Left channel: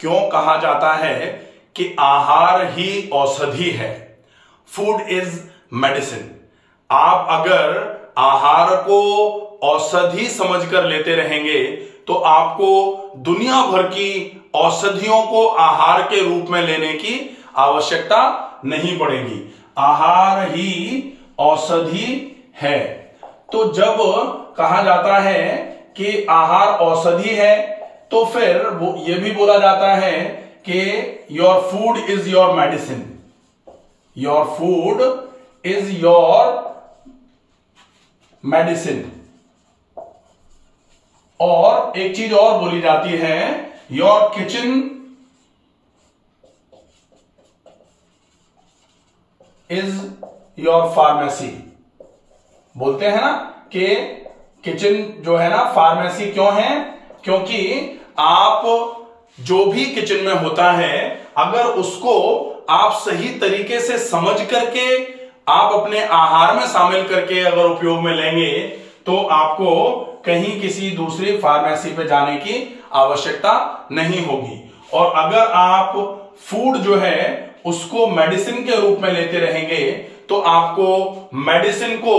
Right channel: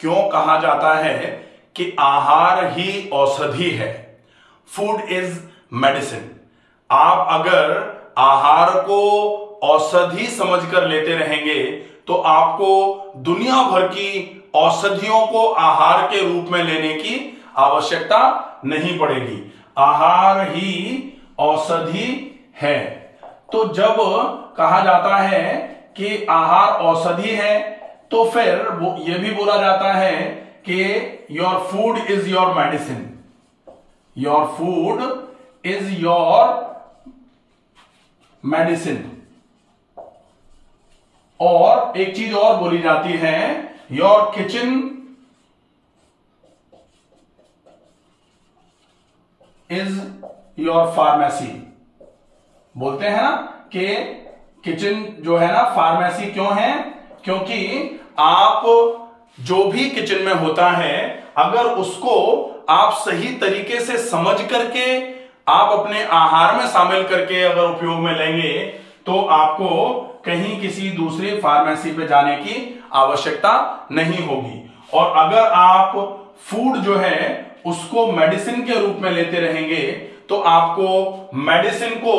क्यों कहा जाता है कि आहार ही औषधि है, फूड इज मेडिसिन। आप अगर आहार को औषधि समझकर लेते रहेंगे तो आपको दुनिया भर की औषधियों को आहार के रूप में लेने की आवश्यकता नहीं पड़ेगी। आहार ही औषधि है। तो जब कहा जाता है कि आहार औषधि है तो फिर वो ये भी बोला जाता है कि your food is your medicine, your food is your medicine. और एक चीज और बोली जाती है, your kitchen is your pharmacy. बोलते हैं ना कि किचन जो है ना फार्मेसी क्यों है? क्योंकि आप जो भी किचन में होता है अगर उसको आप सही तरीके से समझ करके आप अपने आहार में शामिल करके अगर उपयोग में लेंगे तो आपको कहीं किसी दूसरी फार्मेसी पे जाने की आवश्यकता नहीं होगी। और अगर आप फूड जो है उसको मेडिसिन के रूप में लेते रहेंगे तो आपको मेडिसिन को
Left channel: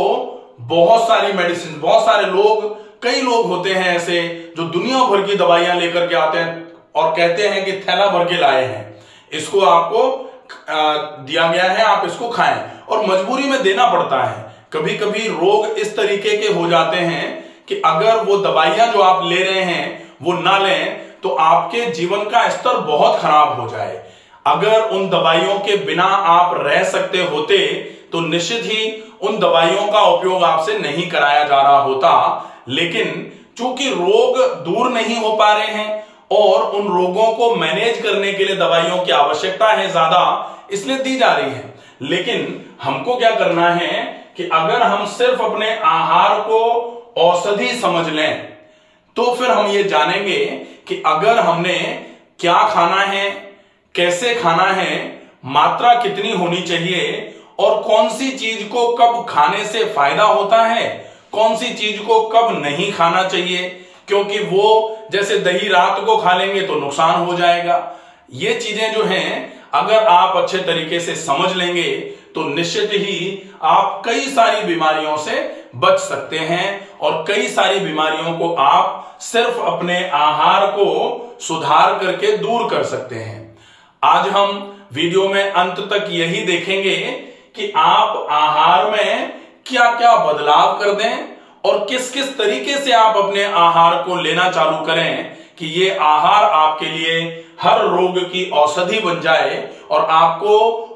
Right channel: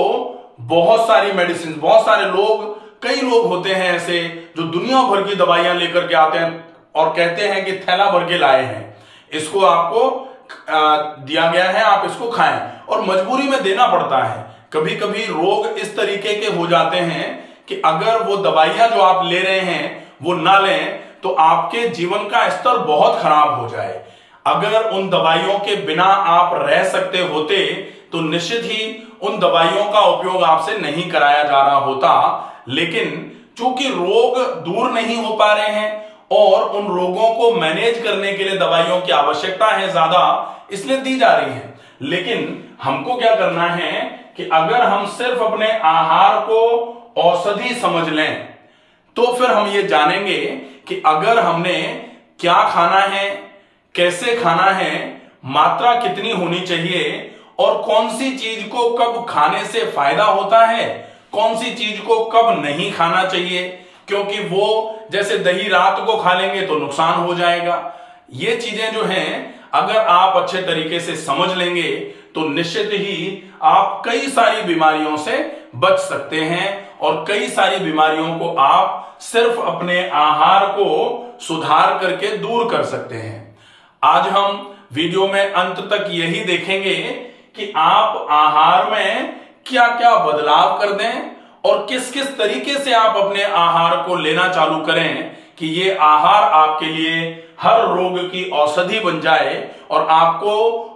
बहुत सारे लोग, कई लोग होते हैं ऐसे जो दुनिया भर की दवाइयां लेकर के आते हैं और कहते हैं कि थैला भर के लाए हैं, इसको आपको दिया गया है, आप इसको खाएं, और मजबूरी में देना पड़ता है। कभी कभी रोग इस तरीके के हो जाते हैं कि अगर वो दवाइयां जो आप ले रहे हैं वो ना लें तो आपके जीवन का स्तर बहुत खराब हो जाए। अगर उन दवाइयों के बिना आप रह सकते होते तो निश्चित ही उन दवाइयों का उपयोग आपसे नहीं कराया जा रहा होता। लेकिन चूंकि रोग दूर नहीं हो पा रहे हैं और उन रोगों को मैनेज करने के लिए दवाइयों की आवश्यकता है ज्यादा, इसलिए दी जा रही है। लेकिन हमको क्या करना है कि अगर हम सिर्फ अपने आहार को औषधि समझ लें तो फिर हम ये जानेंगे कि अगर हमने क्या खाना है, कैसे खाना है, मात्रा कितनी होनी चाहिए और कौन सी चीज को कब खाने से फायदा होता है, कौन सी चीज को कब नहीं खाना चाहिए, क्योंकि वो जैसे दही रात को खा लेंगे तो नुकसान हो जाएगा। ये चीजें जो हैं अगर आप अच्छे तरीके से समझ लेंगे तो निश्चित ही आप कई सारी बीमारियों से बच सकते हैं और कई सारी बीमारियों को आप सिर्फ अपने आहार को सुधार करके दूर कर सकते हैं। आज हम वीडियो में अंत तक यही देखेंगे कि आप आहार में क्या क्या बदलाव कर दें और किस किस तरीके से आप अपने आहार को लेना चालू करें कि ये आहार आपके लिए हर रोग की औषधि बन जाए और आपको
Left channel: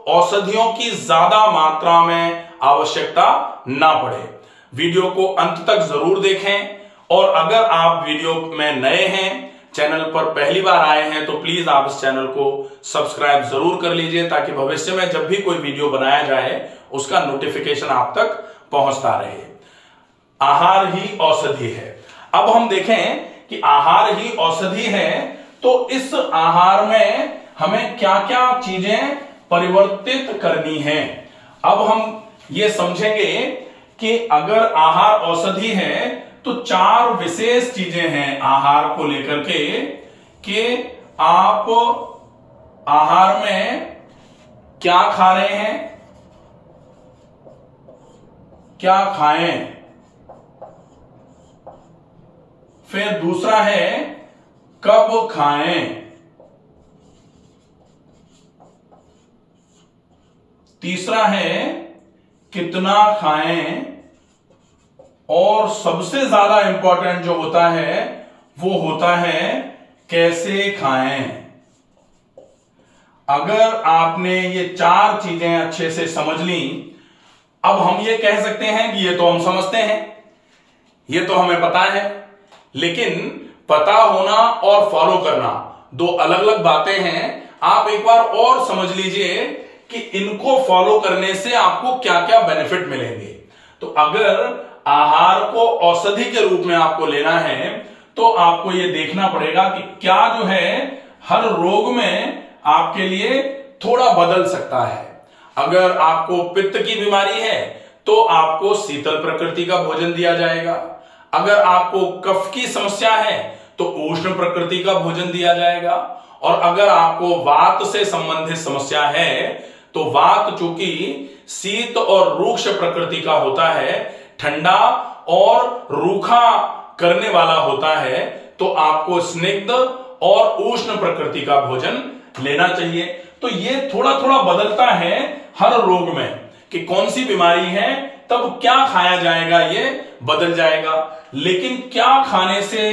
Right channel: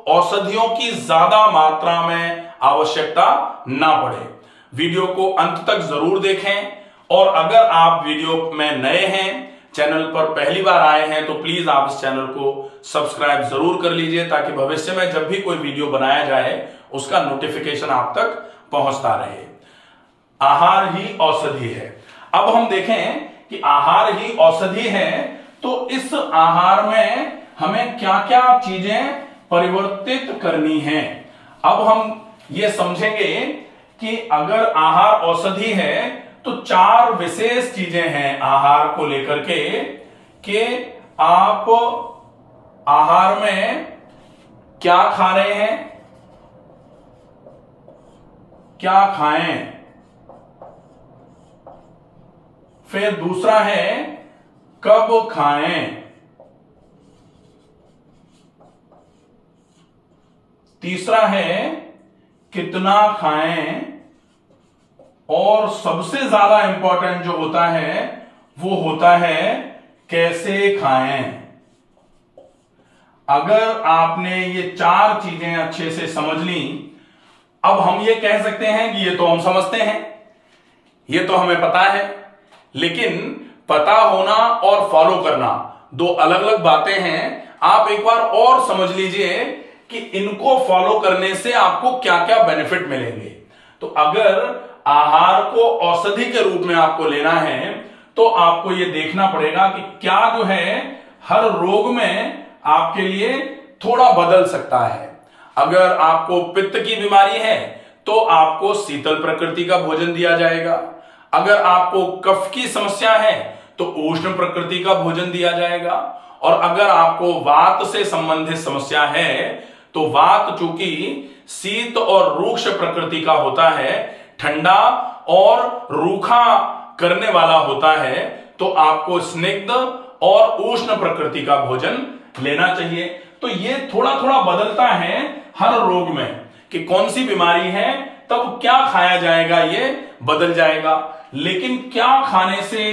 औषधियों की ज्यादा मात्रा में आवश्यकता ना पड़े। वीडियो को अंत तक जरूर देखें और अगर आप वीडियो में नए हैं, चैनल पर पहली बार आए हैं, तो प्लीज आप इस चैनल को सब्सक्राइब जरूर कर लीजिए ताकि भविष्य में जब भी कोई वीडियो बनाया जाए उसका नोटिफिकेशन आप तक पहुंचता रहे। आहार ही औषधि है। अब हम देखें कि आहार ही औषधि है तो इस आहार में हमें क्या क्या चीजें परिवर्तित करनी है। अब हम ये समझेंगे कि अगर आहार औषधि है तो 4 विशेष चीजें हैं आहार को लेकर के कि आप आहार में क्या खा रहे हैं, क्या खाएं। फिर दूसरा है कब खाएं। तीसरा है कितना खाएं और सबसे ज्यादा इंपॉर्टेंट जो होता है वो होता है कैसे खाएं। अगर आपने ये 4 चीजें अच्छे से समझ ली, अब हम ये कह सकते हैं कि ये तो हम समझते हैं, ये तो हमें पता है, लेकिन पता होना और फॉलो करना 2 अलग अलग बातें हैं। आप एक बार और समझ लीजिए कि इनको फॉलो करने से आपको क्या क्या बेनिफिट मिलेंगे। तो अगर आहार को औषधि के रूप में आपको लेना है तो आपको यह देखना पड़ेगा कि क्या जो है हर रोग में आपके लिए थोड़ा बदल सकता है। अगर आपको पित्त की बीमारी है तो आपको शीतल प्रकृति का भोजन दिया जाएगा। अगर आपको कफ की समस्या है तो उष्ण प्रकृति का भोजन दिया जाएगा। और अगर आपको वात से संबंधित समस्या है तो वात चूंकि शीत और रूक्ष प्रकृति का होता है, ठंडा और रूखा करने वाला होता है, तो आपको स्निग्ध और उष्ण प्रकृति का भोजन लेना चाहिए। तो ये थोड़ा थोड़ा बदलता है हर रोग में कि कौन सी बीमारी है तब क्या खाया जाएगा, ये बदल जाएगा। लेकिन क्या खाने से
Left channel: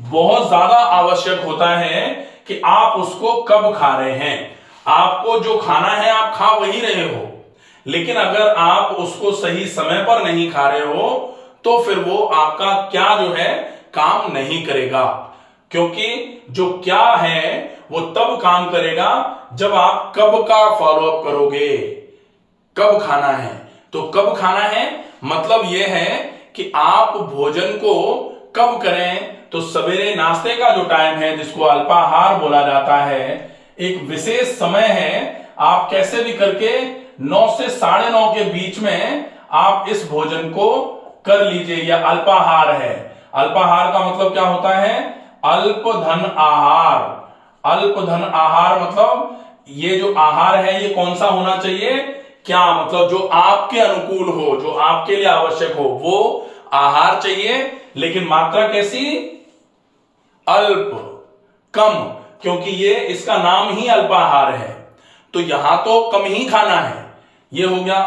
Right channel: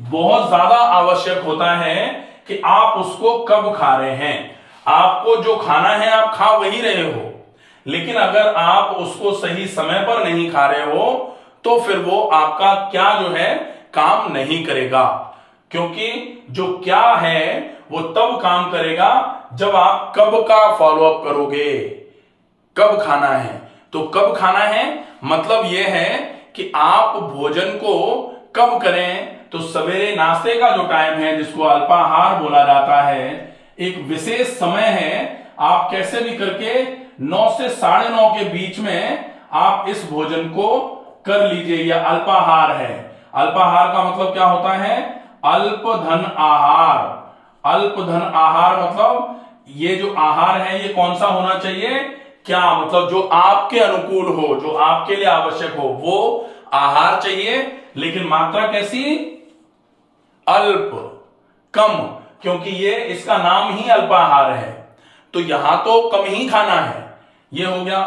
बहुत ज्यादा आवश्यक होता है कि आप उसको कब खा रहे हैं। आपको जो खाना है आप खा वही रहे हो, लेकिन अगर आप उसको सही समय पर नहीं खा रहे हो तो फिर वो आपका क्या जो है काम नहीं करेगा। क्योंकि जो क्या है वो तब काम करेगा जब आप कब का फॉलोअप करोगे। कब खाना है, तो कब खाना है मतलब यह है कि आप भोजन को कब करें। तो सवेरे नाश्ते का जो टाइम है जिसको अल्पाहार बोला जाता है, एक विशेष समय है। आप कैसे भी करके 9 से 9:30 के बीच में आप इस भोजन को कर लीजिए। यह अल्पाहार है। अल्पाहार का मतलब क्या होता है? अल्पधन आहार। अल्पधन आहार मतलब ये जो आहार है ये कौन सा होना चाहिए? क्या मतलब जो आपके अनुकूल हो, जो आपके लिए आवश्यक हो वो आहार चाहिए। लेकिन मात्रा कैसी? अल्प, कम, क्योंकि ये इसका नाम ही अल्पाहार है। तो यहां तो कम ही खाना है, ये हो गया।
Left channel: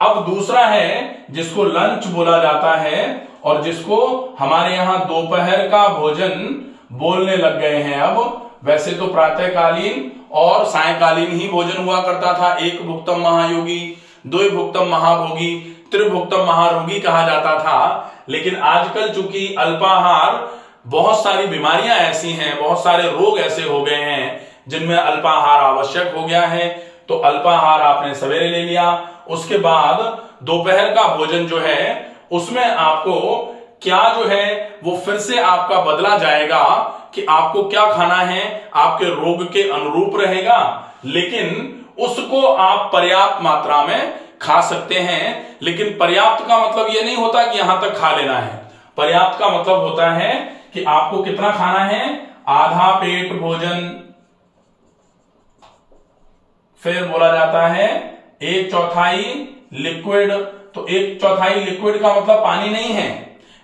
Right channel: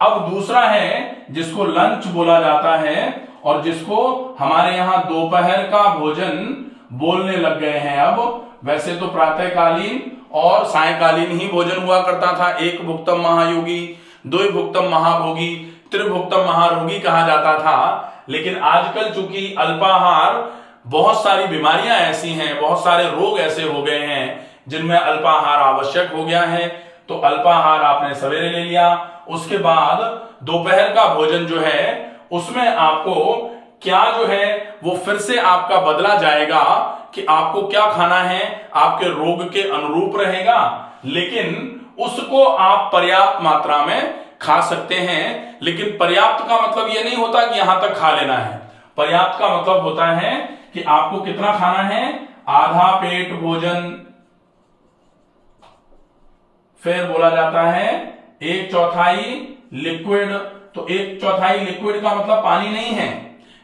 अब दूसरा है जिसको लंच बोला जाता है और जिसको हमारे यहां दोपहर का भोजन बोलने लग गए हैं। अब वैसे तो प्रातःकालीन और सायंकालीन ही भोजन हुआ करता था। एक भुक्तम महायोगी, दो भुक्तम महाभोगी, त्रिभुक्तम महारोगी कहा जाता था। लेकिन आजकल चूंकि अल्पाहार, बहुत सारी बीमारियां ऐसी हैं, बहुत सारे रोग ऐसे हो गए हैं जिनमें अल्पाहार आवश्यक हो गया है। तो अल्पाहार आपने सवेरे ले लिया, उसके बाद दोपहर का भोजन जो है उसमें आपको क्या जो है वो फिर से आपका बदला जाएगा कि आपको क्या खाना है, आपके रोग के अनुरूप रहेगा। लेकिन उसको आप पर्याप्त मात्रा में खा सकते हैं। लेकिन पर्याप्त का मतलब यह नहीं होता कि यहां तक खा लेना है। पर्याप्त का मतलब होता है कि आपको कितना खाना है? आधा पेट भोजन। फिर बोला जाता है 1/4 लिक्विड। तो 1/4 लिक्विड का मतलब पानी नहीं है।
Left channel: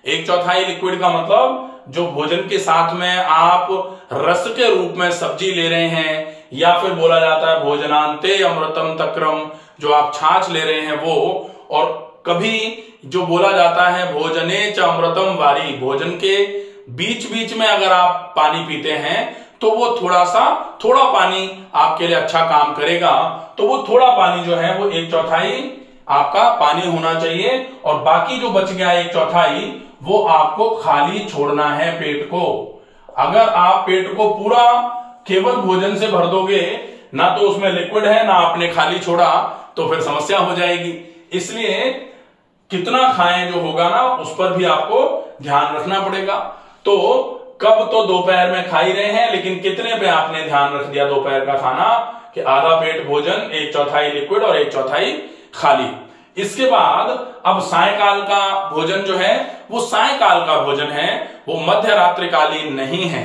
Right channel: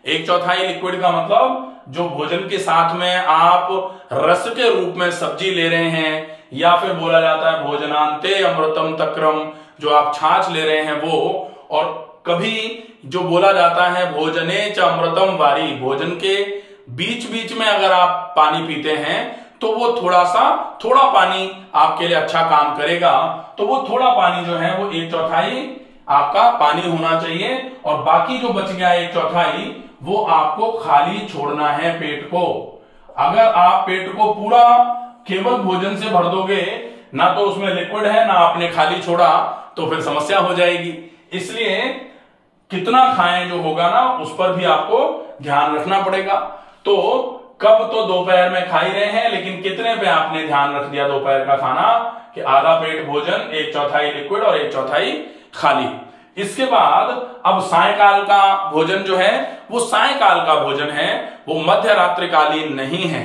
1/4 लिक्विड का मतलब जो भोजन के साथ में आप रस के रूप में सब्जी ले रहे हैं, या फिर बोला जाता है भोजनांते अमृतम तक्रम, जो आप छाछ ले रहे हैं वो। और कभी जो बोला जाता है भोजने च अमृतम वारी, भोजन के बीच बीच में अगर आप पानी पीते हैं तो वो थोड़ा पानी आपके लिए अच्छा काम करेगा। तो वो थोड़ा पानी जो है वो 1/4 आपका पानी होना चाहिए, और बाकी जो बच गया 1/4 वो आपको खाली छोड़ना है पेट को। अगर आप पेट को पूरा केवल भोजन से भर दोगे, ना तो उसमें लिक्विड है ना आपने खाली छोड़ा, तो फिर समस्या हो जाएगी। इसलिए कितना खाएं जो होगा ना उस पर भी आपको ध्यान रखना पड़ेगा। तो कब तो दोपहर में खा ही रहे हैं, लेकिन कितने पे आपने ध्यान रख दिया दोपहर का खाना कि आधा पेट भोजन, 1/4 लिक्विड और 1/4 खाली। इसके बाद अब सायंकाल का भोजन जो है वो सायंकाल का भोजन है, वो मध्य रात्रिकालीन नहीं है।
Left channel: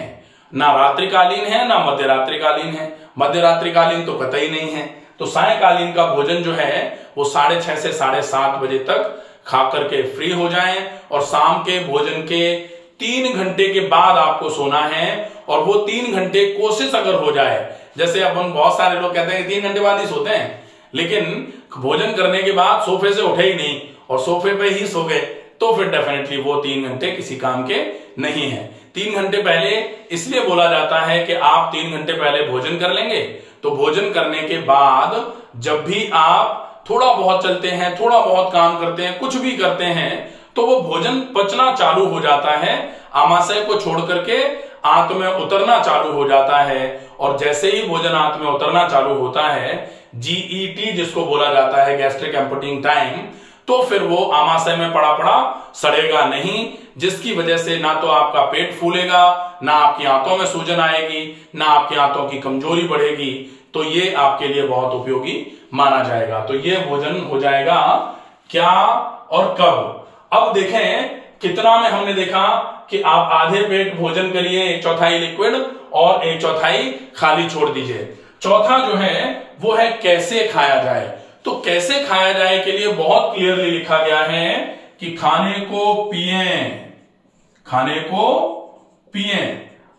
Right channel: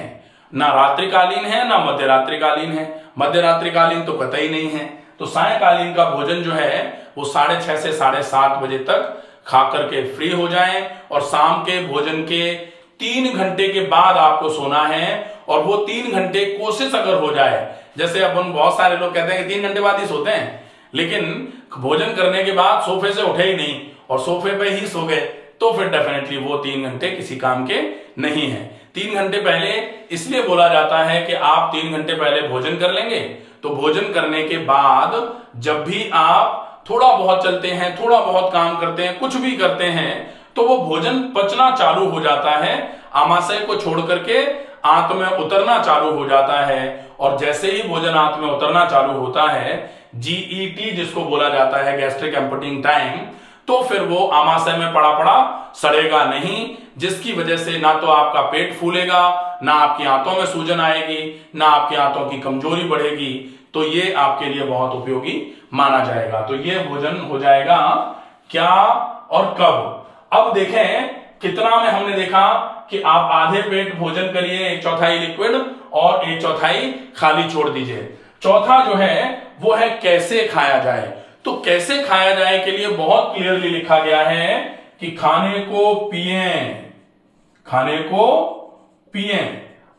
ना रात्रिकालीन है ना मध्य रात्रिकालीन है। मध्य रात्रिकालीन तो कतई नहीं है। तो सायंकालीन का भोजन जो है वो 6:30 से 7:30 बजे तक खा करके फ्री हो जाएं, और शाम के भोजन के 3 घंटे के बाद आपको सोना है। और वो 3 घंटे कोशिश अगर हो जाए, जैसे अपन बहुत सारे लोग कहते हैं कि 3 घंटे बाद ही सोते हैं, लेकिन भोजन करने के बाद सोफे से उठे ही नहीं और सोफे पे ही सो गए, तो फिर डेफिनेटली वो 3 घंटे किसी काम के नहीं है। 3 घंटे पहले इसलिए बोला जाता है कि आप 3 घंटे पहले भोजन कर लेंगे, तो भोजन करने के बाद जब भी आप थोड़ा बहुत चलते हैं, थोड़ा बहुत काम करते हैं, कुछ भी करते हैं, तो वो भोजन पचना चालू हो जाता है, आमाशय को छोड़ करके आंत में उतरना चालू हो जाता है। और जैसे ही भोजन आंत में उतरना चालू होता है, GET जिसको बोला जाता है गैस्ट्रिक एम्पटिंग टाइम, तो फिर वो आमाशय में पड़ा पड़ा सड़ेगा नहीं, जिसकी वजह से ना तो आपका पेट फूलेगा, ना आपकी आंतों में सूजन आएगी, ना आपकी आंतों की कमजोरी बढ़ेगी। तो ये आपके लिए बहुत उपयोगी माना जाएगा। तो ये भोजन हो जाएगा क्या और कब। अब देखें कितना में हमने देखा कि आप आधे पेट भोजन करिए, 1/4 लिक्विड और 1/4 खाली छोड़ दीजिए। चौथा जो है वो है कैसे खाया जाए। तो कैसे खाया जाए के लिए बहुत क्लियरली लिखा गया है कि खाने को पिएं, खाने को पिएं।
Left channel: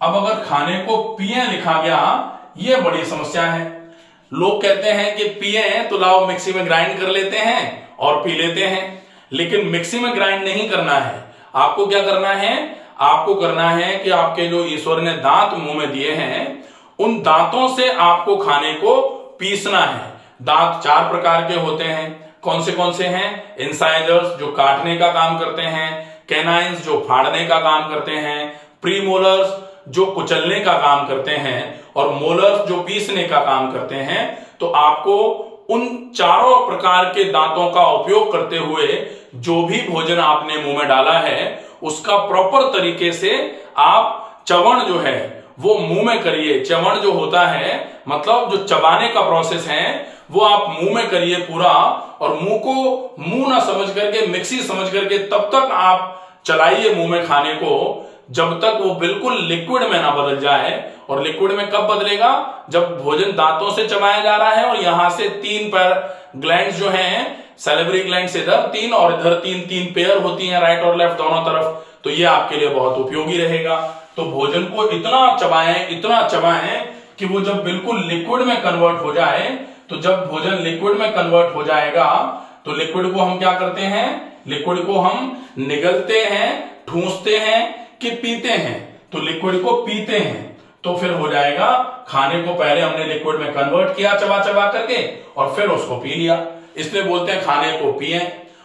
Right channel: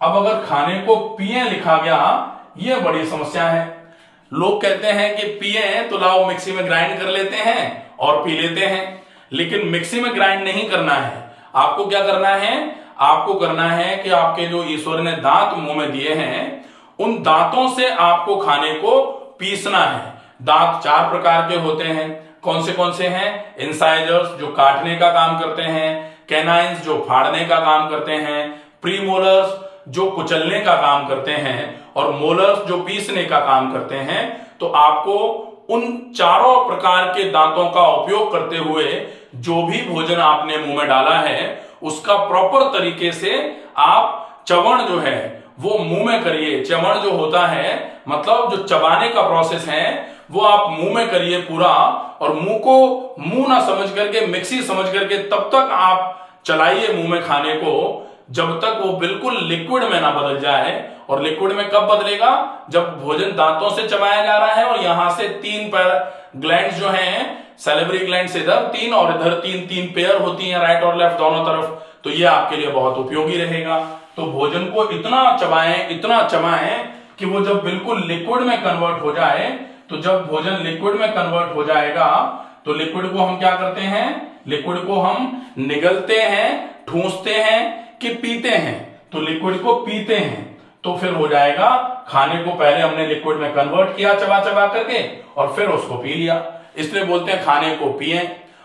अब अगर खाने को पिएं लिखा गया, यह बड़ी समस्या है। लोग कहते हैं कि पिएं तो लाओ मिक्सी में ग्राइंड कर लेते हैं और पी लेते हैं, लेकिन मिक्सी में ग्राइंड नहीं करना है। आपको क्या करना है, आपको करना है कि आपके जो ईश्वर ने दांत मुंह में दिए हैं, उन दांतों से आपको खाने को पीसना है। दांत 4 प्रकार के होते हैं। कौन से हैं? इंसाइजर्स जो काटने का काम करते हैं, कैनाइन्स जो फाड़ने का काम करते हैं, प्रीमोलर्स जो कुचलने का काम करते हैं, और मोलर्स जो पीसने का काम करते हैं। तो आपको उन चारों प्रकार के दांतों का उपयोग करते हुए जो भी भोजन आपने मुंह में डाला है उसका प्रॉपर तरीके से आप चवण जो है वो मुंह में करिए। चवण जो होता है मतलब जो चबाने का प्रोसेस है वो आप मुंह में करिए पूरा, और मुंह को मुंह ना समझ करके मिक्सी समझ करके तब तक आप चलाइए मुंह में खाने को जब तक वो बिल्कुल लिक्विड में ना बदल जाए। और लिक्विड में कब बदलेगा? जब भोजन दांतों से चबाया जा रहा है और यहां से 3 पैर ग्लैंड्स जो हैं, सैलिवरी ग्लैंड्स इधर 3 और इधर 3 पेयर होती हैं, राइट और लेफ्ट दोनों तरफ। तो ये आपके लिए बहुत उपयोगी रहेगा। तो भोजन को इतना चबाएं कि वो जब बिल्कुल लिक्विड में कन्वर्ट हो जाए। तो जब भोजन लिक्विड में कन्वर्ट हो जाएगा तो लिक्विड को हम क्या करते हैं? लिक्विड को हम निगलते हैं, ठूंसते हैं कि पीते हैं। तो लिक्विड को पीते हैं तो फिर हो जाएगा खाने को पहले हमने लिक्विड में कन्वर्ट किया चबा करके और फिर उसको पी लिया। इसलिए बोलते हैं खाने को पिएं।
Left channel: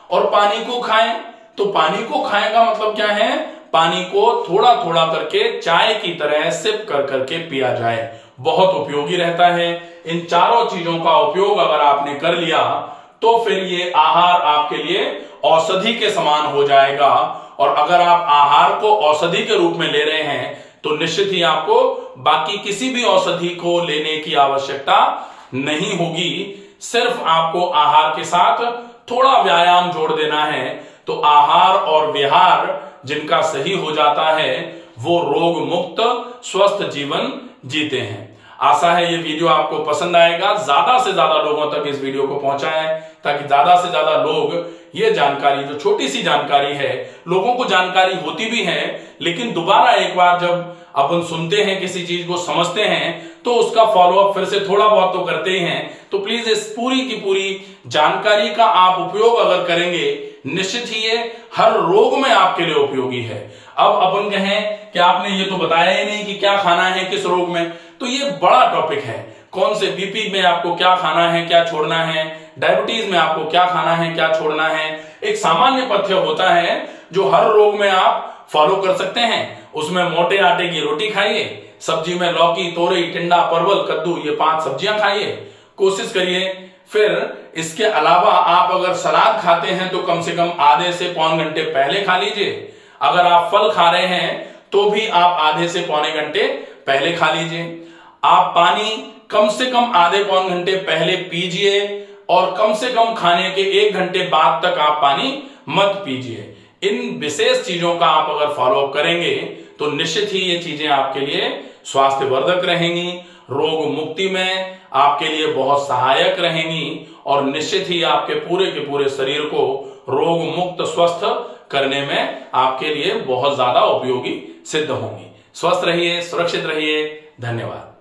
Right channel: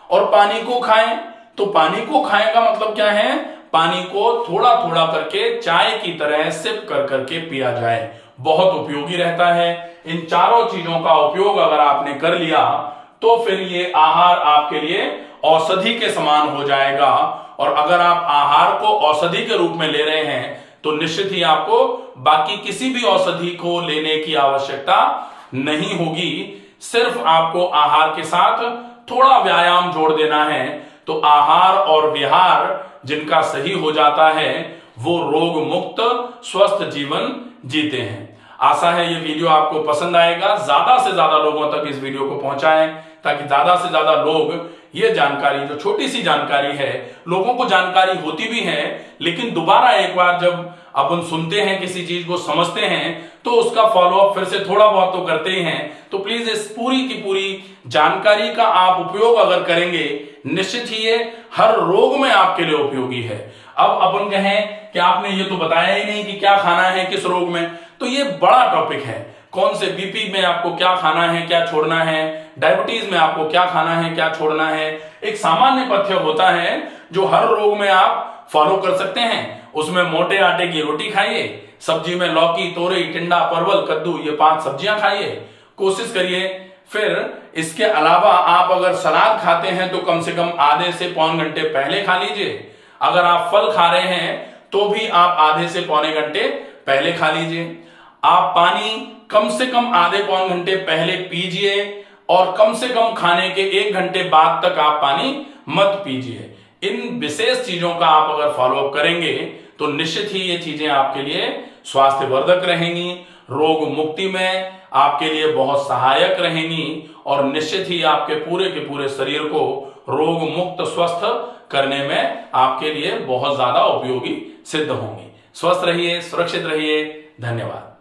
और पानी को खाएं। तो पानी को खाएं का मतलब क्या है? पानी को थोड़ा थोड़ा करके चाय की तरह सिप कर करके पिया जाए, बहुत उपयोगी रहता है। इन चारों चीजों का उपयोग अगर आपने कर लिया तो फिर ये आहार आपके लिए औषधि के समान हो जाएगा। और अगर आप आहार को औषधि के रूप में ले रहे हैं तो निश्चित ही आपको बाकी किसी भी औषधि को लेने की आवश्यकता नहीं होगी। सिर्फ आपको आहार के साथ थोड़ा व्यायाम जोड़ देना है। तो आहार और विहार जिनका सही हो जाता है वो रोग मुक्त स्वस्थ जीवन जीते हैं। आशा है ये वीडियो आपको पसंद आएगा। ज्यादा से ज्यादा लोगों तक इस वीडियो को पहुंचाएं ताकि ज्यादा से ज्यादा लोग ये जानकारी, जो छोटी सी जानकारी है, लोगों को जानकारी होती भी है लेकिन दोबारा एक बार जब अपन सुनते हैं किसी चीज को समझते हैं तो उसका फॉलोअप फिर से थोड़ा बहुत तो करते ही हैं। तो प्लीज इस पूरी की पूरी जानकारी का आप उपयोग अगर करेंगे निश्चित ही ये हर रोग में आपके लिए उपयोगी है। अब अपन कहें कि आपने ये तो बताया ही नहीं कि क्या खाना है किस रोग में, तो ये बड़ा टॉपिक है। कौन से बीपी में आपको क्या खाना है क्या छोड़ना है, डायबिटीज में आपको क्या खाना है क्या छोड़ना है, एक सामान्य पथ्य होता है जो हर रोग में आप फॉलो कर सकते हैं। उसमें मोटे आटे की रोटी खाइए, सब्जी में लौकी, तोरई, टिंडा, परवल, कद्दू, ये 5 सब्जियां खाइए, कोशिश करिए। फिर इसके अलावा आप अगर सलाद खाते हैं तो कम से कम आधे से पौन घंटे पहले खा लीजिए। अगर आप फल खा रहे हैं तो भी आप आधे से पौने घंटे पहले खा लीजिए। आप पानी कम से कम आधे पौन घंटे पहले पीजिए और कम से कम खाने के 1 घंटे बाद तक आप पानी मत पीजिए। इन विशेष चीजों का आप अगर फॉलोअप करेंगे तो निश्चित ही ये चीजें आपके लिए स्वास्थ्यवर्धक रहेंगी, रोग मुक्ति में आपके लिए बहुत सहायक रहेंगी और निश्चित ही आपके पूरे के पूरे शरीर को रोग मुक्त स्वस्थ करने में आपके लिए बहुत ज्यादा उपयोगी सिद्ध होंगी। स्वस्थ रहिए, सुरक्षित रहिए। धन्यवाद।